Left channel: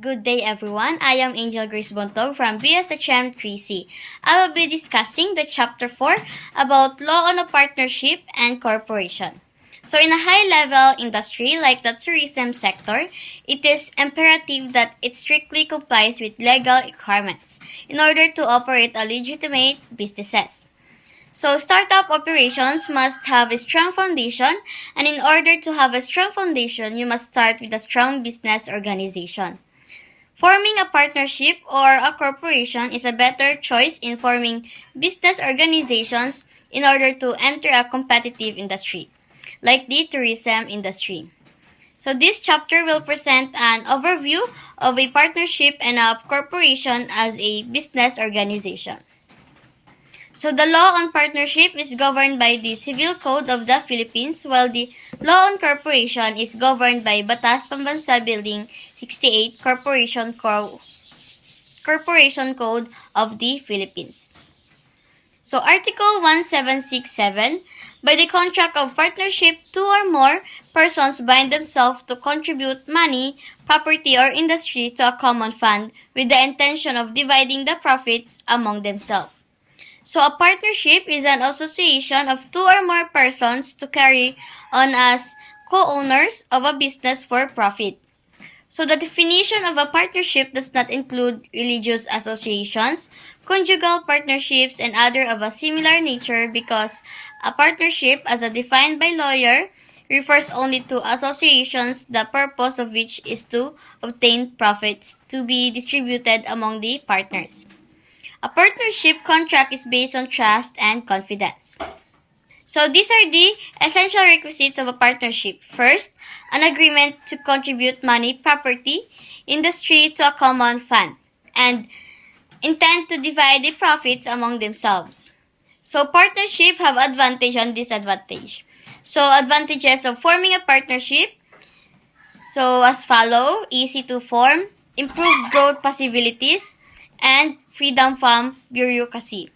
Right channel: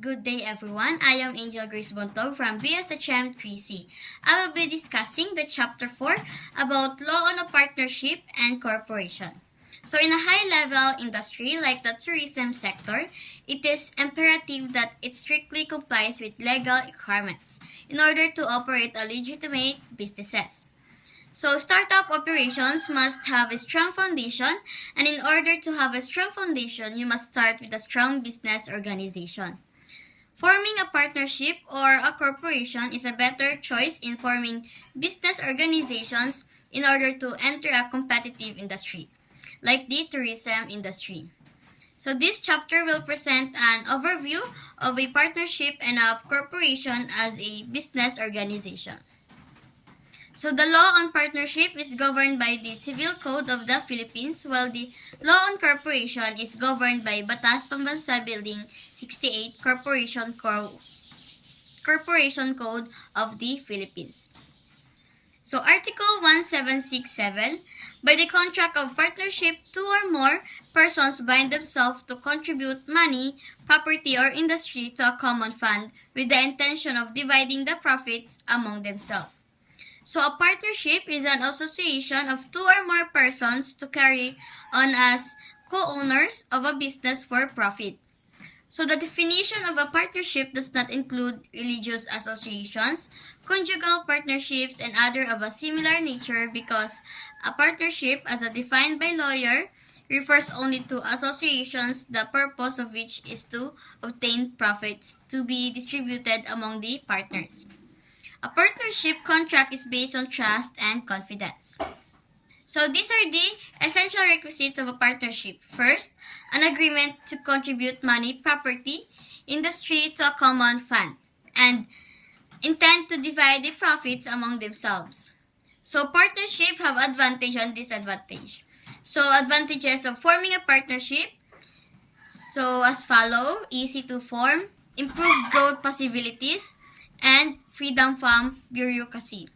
Good day, everyone. I am Angel Grace Bontog from BSHM 3C. I will be discussing the Chapter 4 about Law on a Partnership and Corporation. So, in a high-level industry like the tourism sector, it is imperative that it strictly complies with legal requirements in order to operate a legitimate businesses. So, startup operations must have a strong foundation, and in order to have a strong foundation, you must start with a strong business organization. Forming a partnership or a corporation is a better choice in forming business organizations in order to enter a competitive industry, like the tourism industry. So this chapter will present an overview of a partnership and a corporation as a business organization. So the law on partnership is governed by the Civil Code of the Philippines, while the law on corporation is governed by Batas Pambansa Building 68 Corporation Code of the Philippines. So Article 1767, by the contract of partnership, two or more persons bind themselves to contribute money, property, or industry to a common fund with the intention of dividing the profits among themselves. So a partnership is an association of two or more persons to carry on as co-owners of a business for profit. So the definition of a partnership does not include religious associations, conjugal partnerships, and other of a similar nature because a partnership, as defined by lawyer, refers only to associations the purpose of which is to obtain profits to be distributed among the partners. A partnership contract is based on trust and confidence. So these are the essential requisites of a partnership. First, an agreement to contribute money, property, industry to a common fund, and intend to divide the profits among themselves. So partnership have advantage and disadvantage. So advantages of forming a partnership, so as follow: easy to form, improved growth possibilities, and freedom from bureaucracy.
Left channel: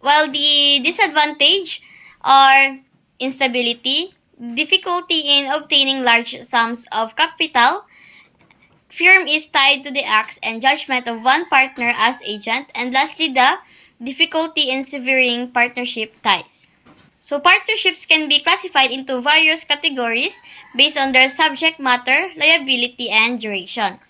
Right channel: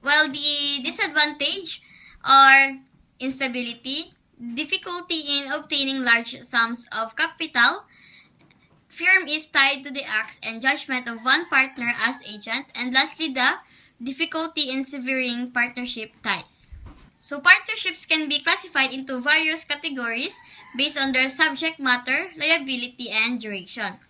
While the disadvantage are instability, difficulty in obtaining large sums of capital, firm is tied to the acts and judgment of one partner as agent, and lastly, the difficulty in severing partnership ties. So partnerships can be classified into various categories based on their subject matter, liability, and duration.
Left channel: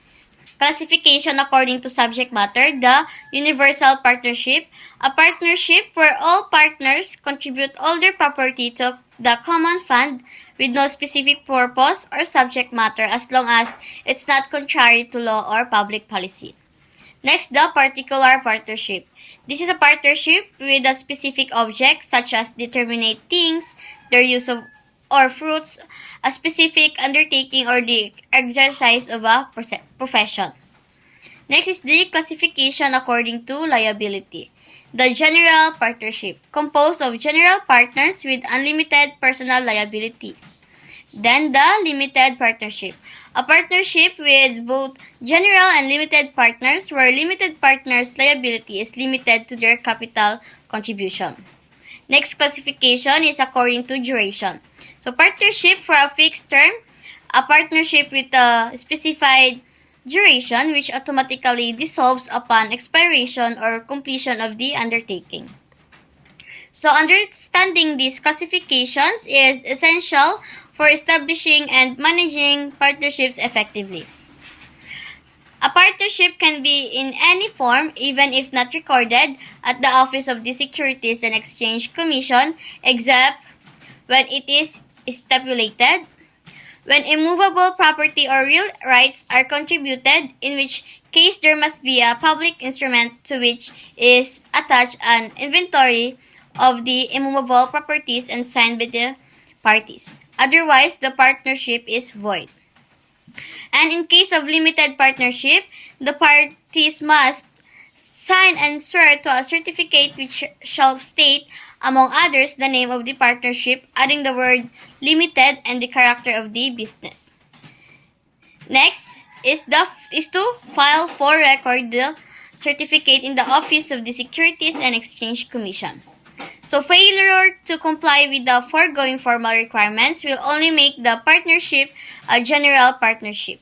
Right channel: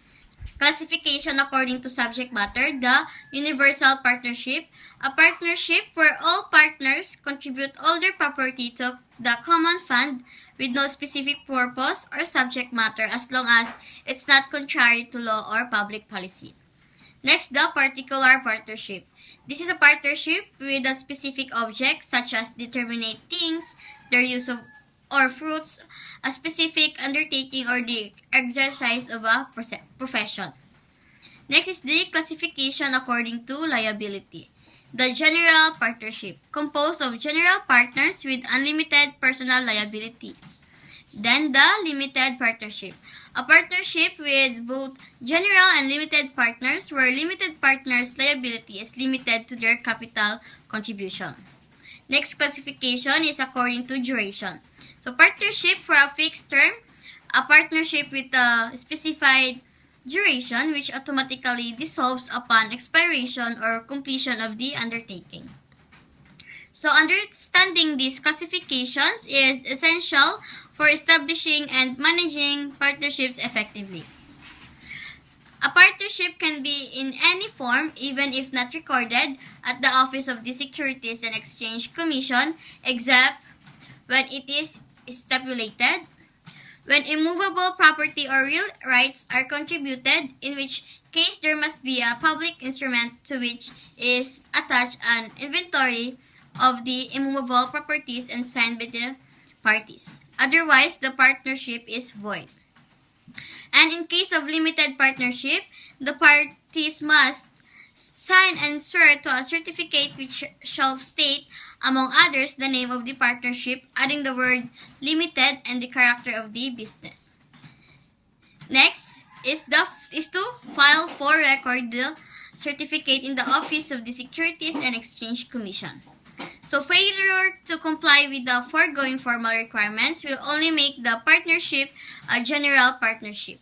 Classification according to subject matter: the universal partnership, a partnership where all partners contribute all their property to the common fund with no specific purpose or subject matter as long as it's not contrary to law or public policy. Next, the particular partnership. This is a partnership with a specific object such as determinate things, their use of or fruits, a specific undertaking, or the exercise of a profession. Next is the classification according to liability. The general partnership, composed of general partners with unlimited personal liability. Then the limited partnership, a partnership with both general and limited partners where limited partners' liability is limited to their capital contribution. Next classification is according to duration. So partnership for a fixed term, a partnership with a specified duration which automatically dissolves upon expiration or completion of the undertaking. So understanding these classifications is essential for establishing and managing partnerships effectively. A partnership can be in any form, even if not recorded at the Office of the Securities and Exchange Commission, except when it is stipulated, when immovable property or real rights are contributed, in which case there must be a public instrument to which is attached an inventory of the immovable properties and signed by the parties. Otherwise, the partnership is void. And in case of limited partnership, the parties must sign and swear to a certificate which shall state, among others, the name of the partnership, adding the word limited and the character of the business. Next is to file for record the certificate in the Office of the Securities and Exchange Commission. So failure to comply with the foregoing formal requirements will only make the partnership a general partnership.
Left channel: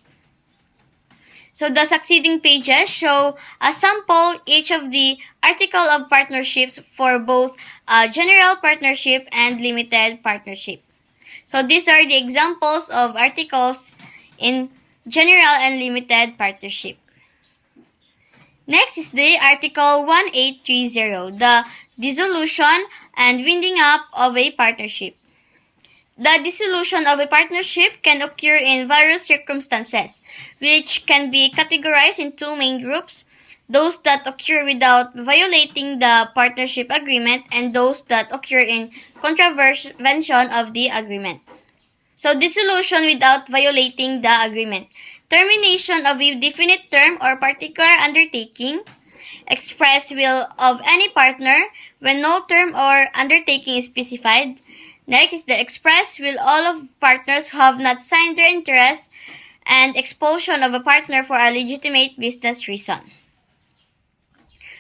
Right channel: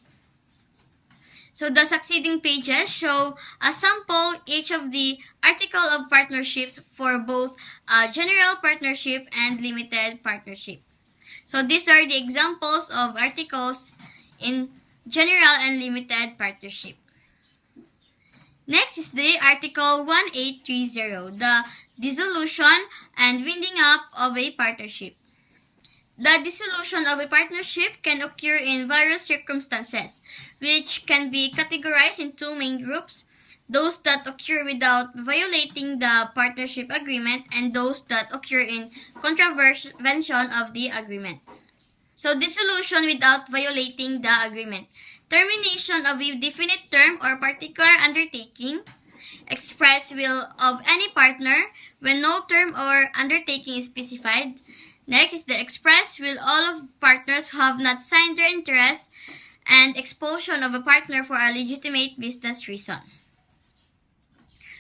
So the succeeding pages show a sample each of the article of partnerships for both general partnership and limited partnership. So these are the examples of articles in general and limited partnership. Next is the Article 1830, the dissolution and winding up of a partnership. The dissolution of a partnership can occur in various circumstances, which can be categorized in two main groups: those that occur without violating the partnership agreement and those that occur in contravention of the agreement. So, dissolution without violating the agreement. Termination of a definite term or particular undertaking. Express will of any partner when no term or undertaking is specified. Next is the express will all of partners who have not signed their interest, and expulsion of a partner for a legitimate business reason.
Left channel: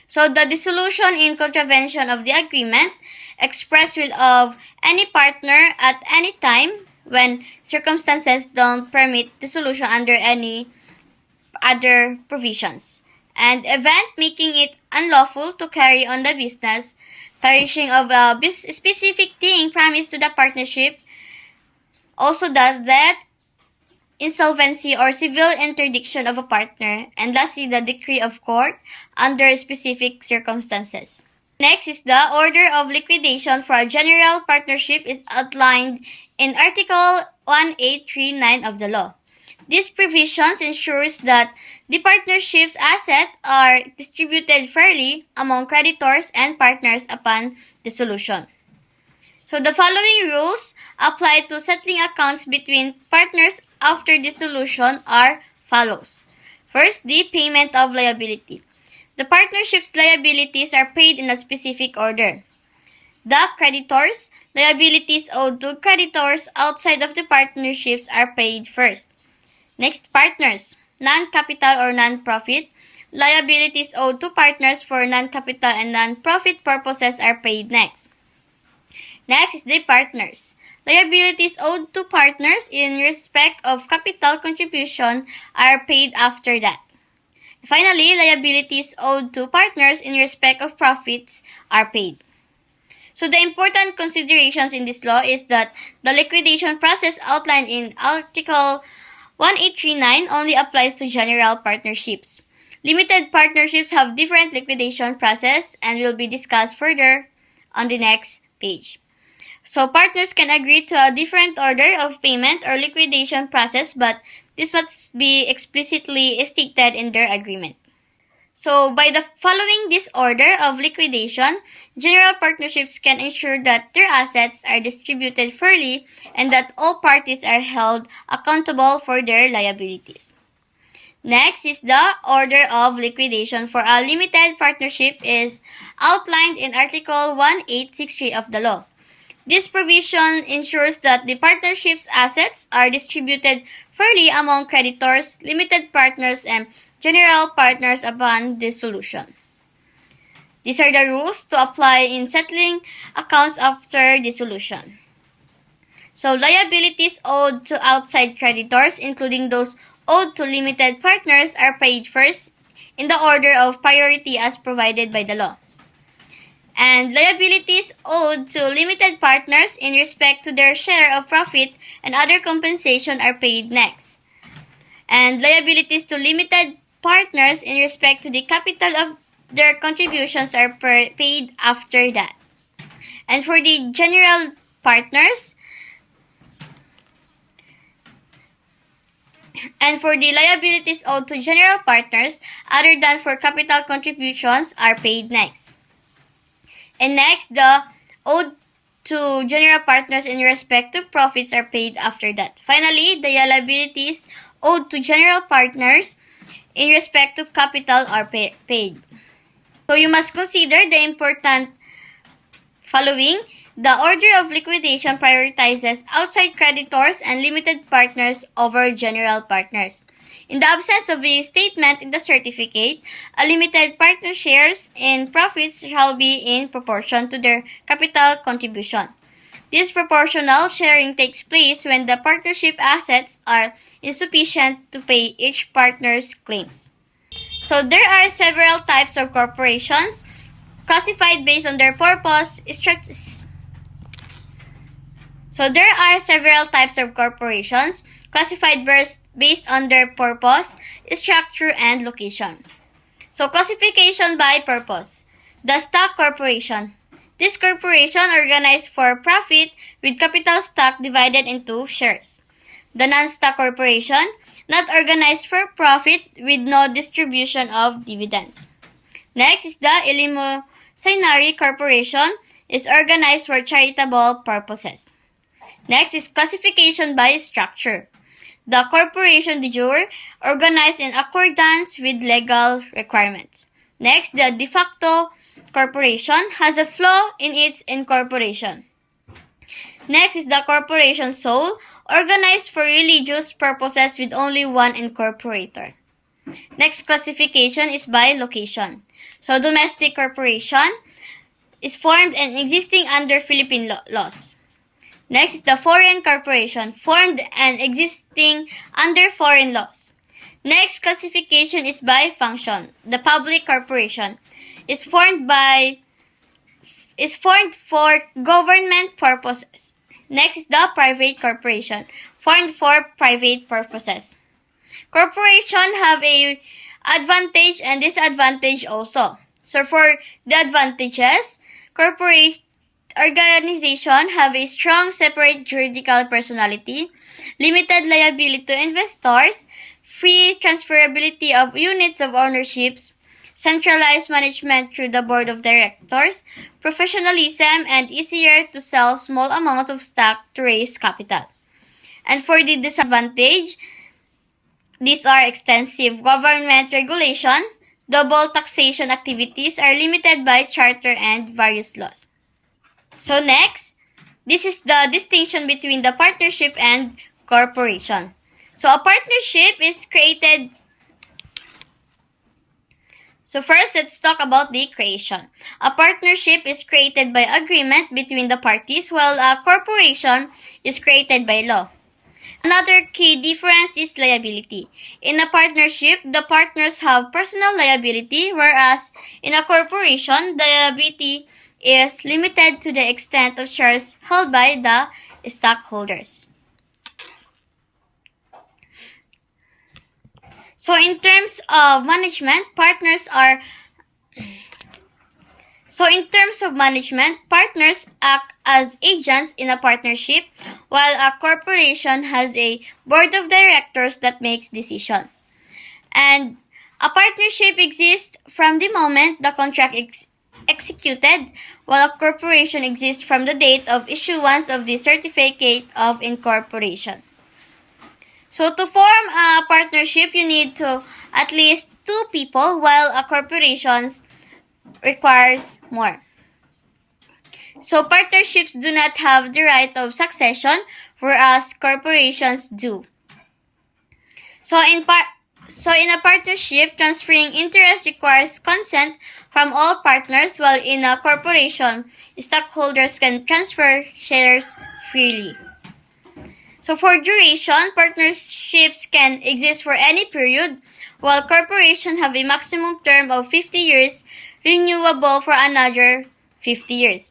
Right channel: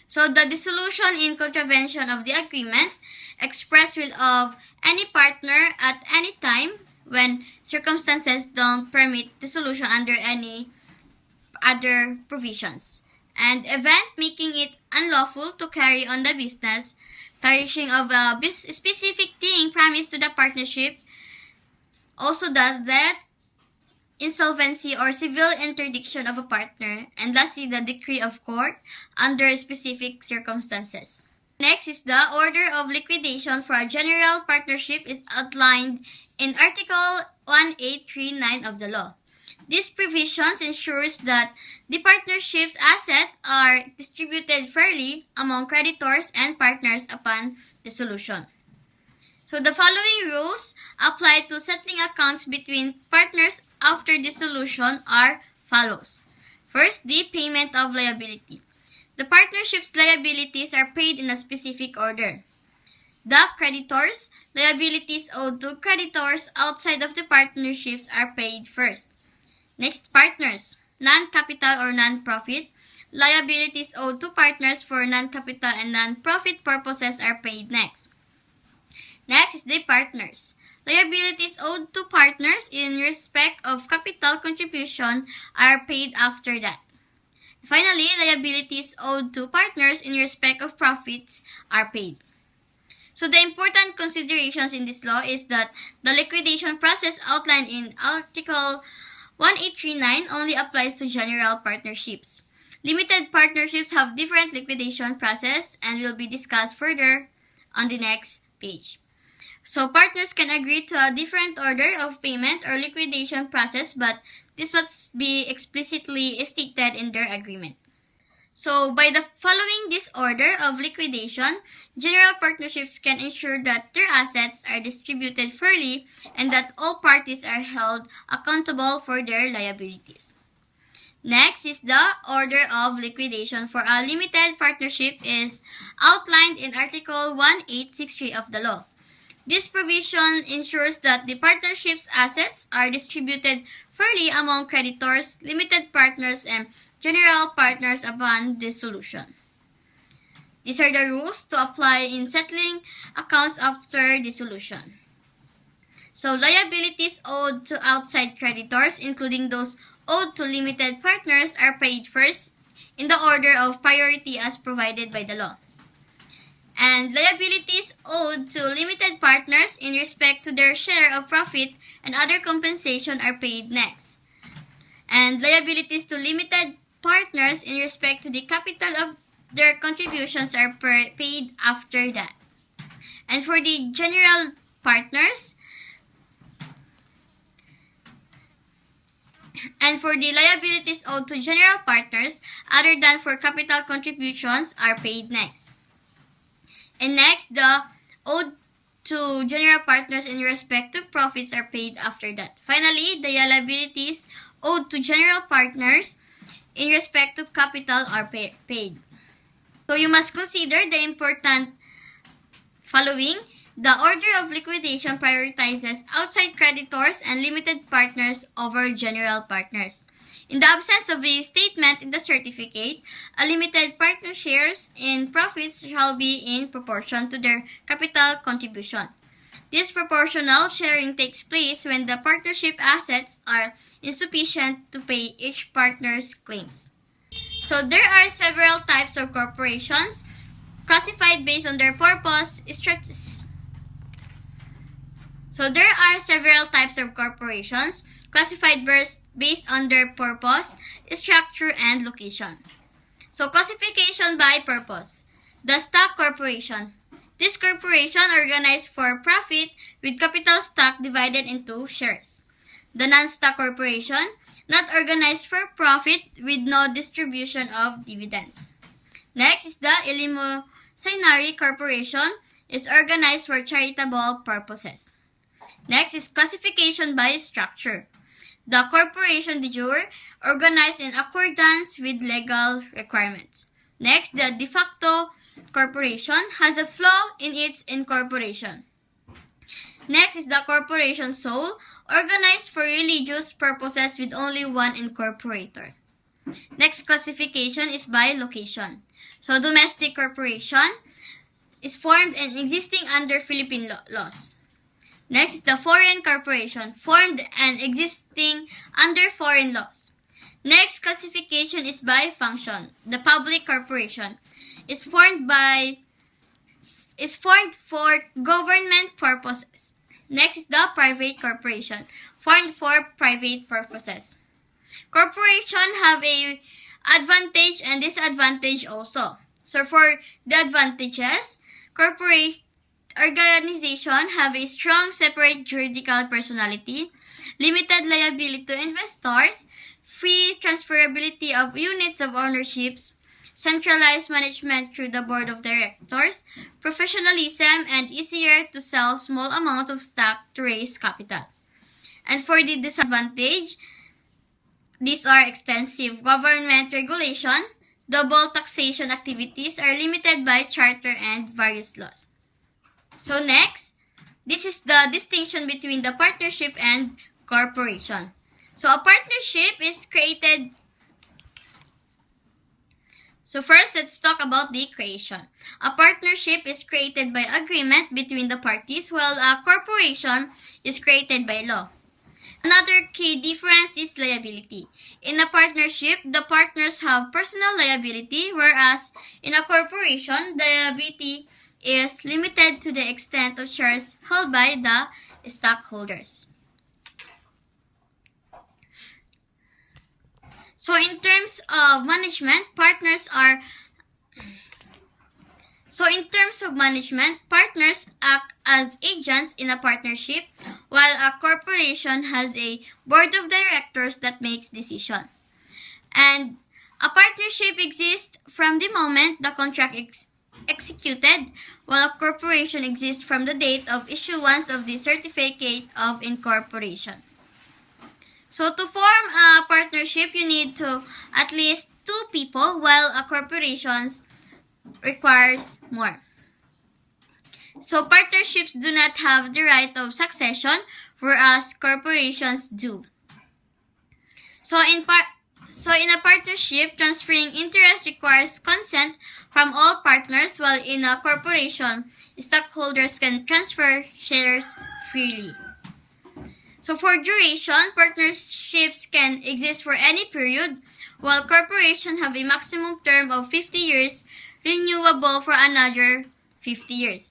So the dissolution in contravention of the agreement, express will of any partner at any time when circumstances don't permit dissolution under any other provisions, and event making it unlawful to carry on the business, perishing of a specific thing promised to the partnership, also does that, insolvency or civil interdiction of a partner, and lastly the decree of court under specific circumstances. Next is the order of liquidation for a general partnership is outlined in Article 1839 of the law. These provisions ensures that the partnership's assets are distributed fairly among creditors and partners upon dissolution. So the following rules apply to settling accounts between partners after dissolution are follows. First, the payment of liability. The partnership's liabilities are paid in a specific order. The creditors' liabilities owed to creditors outside of the partnerships are paid first. Next, partners, non-capital or non-profit. Liabilities owed to partners for non-capital and non-profit purposes are paid next. Next is the partners. Liabilities owed to partners in respect of capital contribution are paid after that. Finally, liabilities owed to partners in respect of profits are paid. So the important considerations in this law is that the liquidation process outlined in Article 1839 only applies to general partnerships. Limited partnerships have different liquidation process and will be discussed further on the next page. So partners can agree to a different order of payment or liquidation process, but this must be explicitly stated in their agreement. So by the following this order of liquidation, general partnerships can ensure that their assets are distributed fairly and that all parties are held accountable for their liabilities. Next is the order of liquidation for a limited partnership is outlined in Article 1863 of the law. This provision ensures that the partnership's assets are distributed fairly among creditors, limited partners, and general partners upon dissolution. These are the rules to apply in settling accounts after dissolution. So liabilities owed to outside creditors, including those owed to limited partners, are paid first in the order of priority as provided by the law. And liabilities owed to limited partners in respect to their share of profit and other compensation are paid next. And liabilities to limited partners in respect to the capital of their contributions are paid after that. And for the general partners, and for the liabilities owed to general partners other than for capital contributions are paid next. And next, the owed to general partners in respect to profits are paid after that. Finally, the liabilities owed to general partners in respect to capital are paid. So you must consider the important following. The order of liquidation prioritizes outside creditors and limited partners over general partners. In the absence of a statement in the certificate, a limited partner shares in profits shall be in proportion to their capital contribution. This proportional sharing takes place when the partnership assets are insufficient to pay each partner's claims. So there are several types of corporations classified based on their purpose, structures. So there are several types of corporations classified based on their purpose, structure, and location. So classification by purpose. The stock corporation. This corporation organized for profit with capital stock divided into shares. The non-stock corporation, not organized for profit with no distribution of dividends. Next is the eleemosynary corporation, is organized for charitable purposes. Next is classification by structure. The corporation de jure, organized in accordance with legal requirements. Next, the de facto corporation has a flaw in its incorporation. Next is the corporation sole, organized for religious purposes with only one incorporator. Next classification is by location. So domestic corporation is formed and existing under Philippine laws. Next is the foreign corporation, formed and existing under foreign laws. Next classification is by function. The public corporation is formed for government purposes. Next is the private corporation, formed for private purposes. Corporations have a advantage and disadvantage also. So for the advantages, corporate organization have a strong separate juridical personality, limited liability to investors, free transferability of units of ownerships, centralized management through the board of directors, professionalism, and easier to sell small amounts of stock to raise capital. And for the disadvantage, these are extensive government regulation, double taxation activities are limited by charter and various laws. So next, this is the distinction between the partnership and corporation. So a partnership is created. So first, let's talk about the creation. A partnership is created by agreement between the parties, while a corporation is created by law. Another key difference is liability. In a partnership, the partners have personal liability, whereas in a corporation, the liability is limited to the extent of shares held by the stockholders. So in terms of management, partners act as agents in a partnership, while a corporation has a board of directors that makes decisions. And a partnership exists from the moment the contract executed, while a corporation exists from the date of issuance of the certificate of incorporation. So to form a partnership, you need to at least 2 people, while a corporation requires more. So partnerships do not have the right of succession, whereas corporations do. So in a partnership, transferring interest requires consent from all partners, while in a corporation, stockholders can transfer shares freely. So for duration, partnerships can exist for any period, while corporations have a maximum term of 50 years, renewable for another 50 years.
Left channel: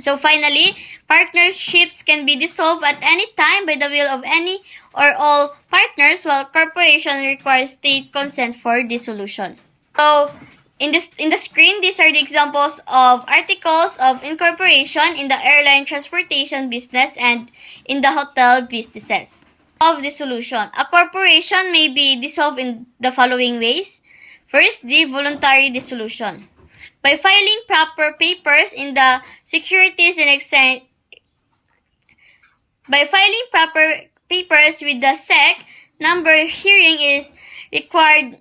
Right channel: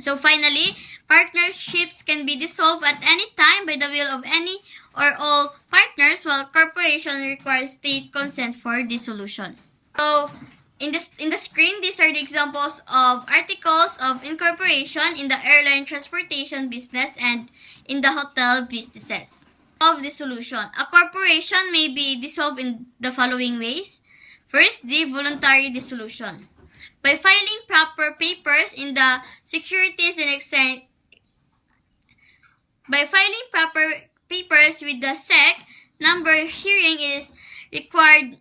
So finally, partnerships can be dissolved at any time by the will of any or all partners, while corporation requires state consent for dissolution. So in the screen, these are the examples of articles of incorporation in the airline transportation business and in the hotel businesses. Of dissolution. A corporation may be dissolved in the following ways. First, the voluntary dissolution. By filing proper papers in the Securities and Exchange with the SEC, number hearing is required.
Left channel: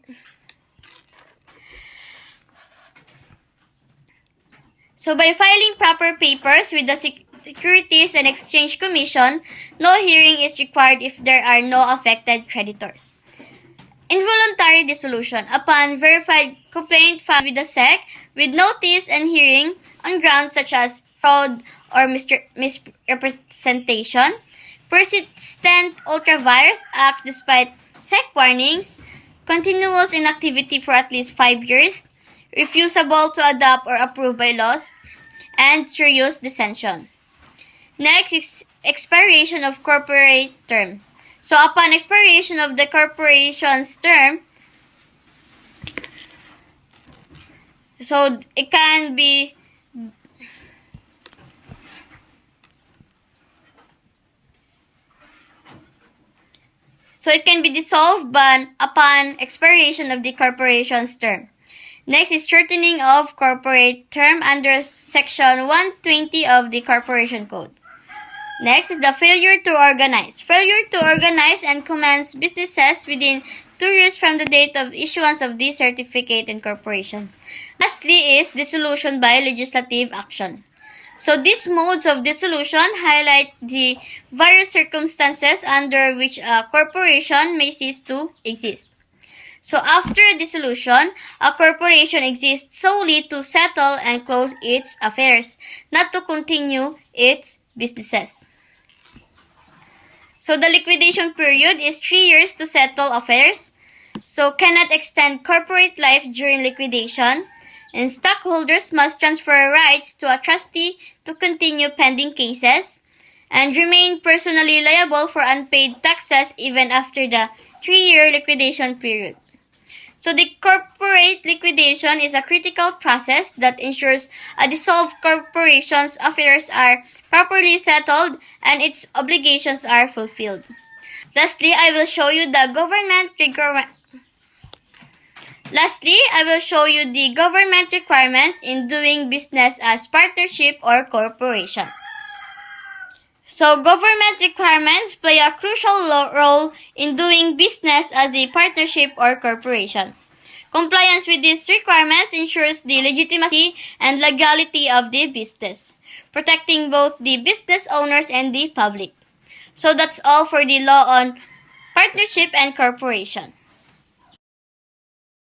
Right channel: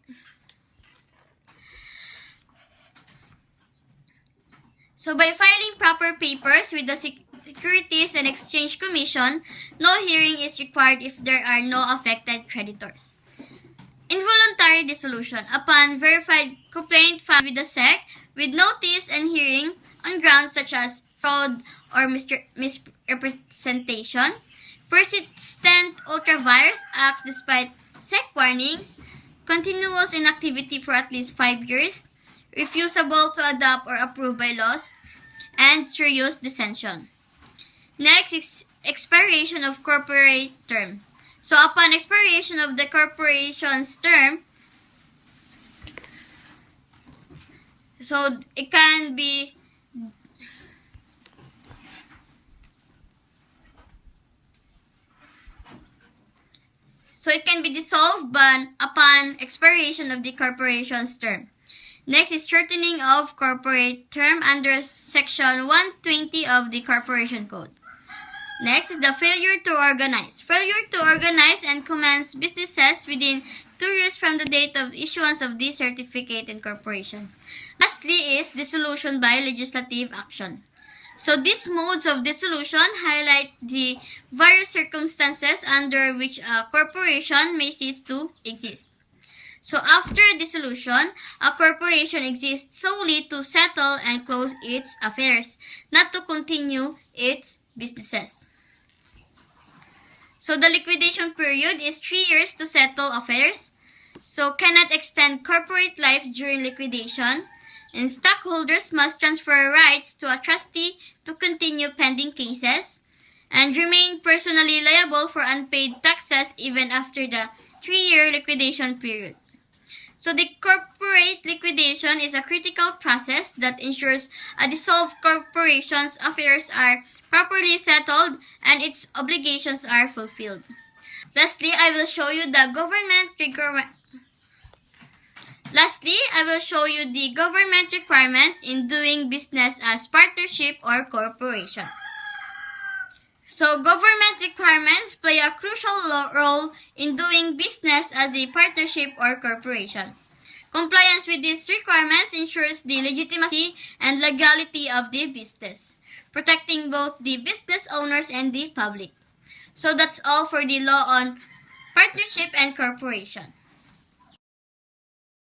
So by filing proper papers with the Securities and Exchange Commission, no hearing is required if there are no affected creditors. Involuntary dissolution. Upon verified complaint filed with the SEC, with notice and hearing on grounds such as fraud or misrepresentation, persistent ultravirus acts despite SEC warnings, continuous inactivity for at least 5 years, refusable to adopt or approve by laws, and serious dissension. Next is expiration of corporate term. So upon expiration of the corporation's term, so it can be dissolved upon expiration of the corporation's term. Next is shortening of corporate term under Section 120 of the Corporation Code. Next is the failure to organize. Failure to organize and commence businesses within 2 years from the date of issuance of the certificate incorporation. Lastly is dissolution by legislative action. So these modes of dissolution highlight the various circumstances under which a corporation may cease to exist. So after dissolution, a corporation exists solely to settle and close its affairs, not to continue its businesses. So the liquidation period is 3 years to settle affairs, so cannot extend corporate life during liquidation, and stockholders must transfer rights to a trustee to continue pending cases, and remain personally liable for unpaid taxes even after the 3-year liquidation period. So the corporate liquidation is a critical process that ensures a dissolved corporation's affairs are properly settled and its obligations are fulfilled. Lastly, I will show you the government requirements in doing business as partnership or corporation. So government requirements play a crucial role in doing business as a partnership or corporation. Compliance with these requirements ensures the legitimacy and legality of the business, protecting both the business owners and the public. So that's all for the law on partnership and corporation.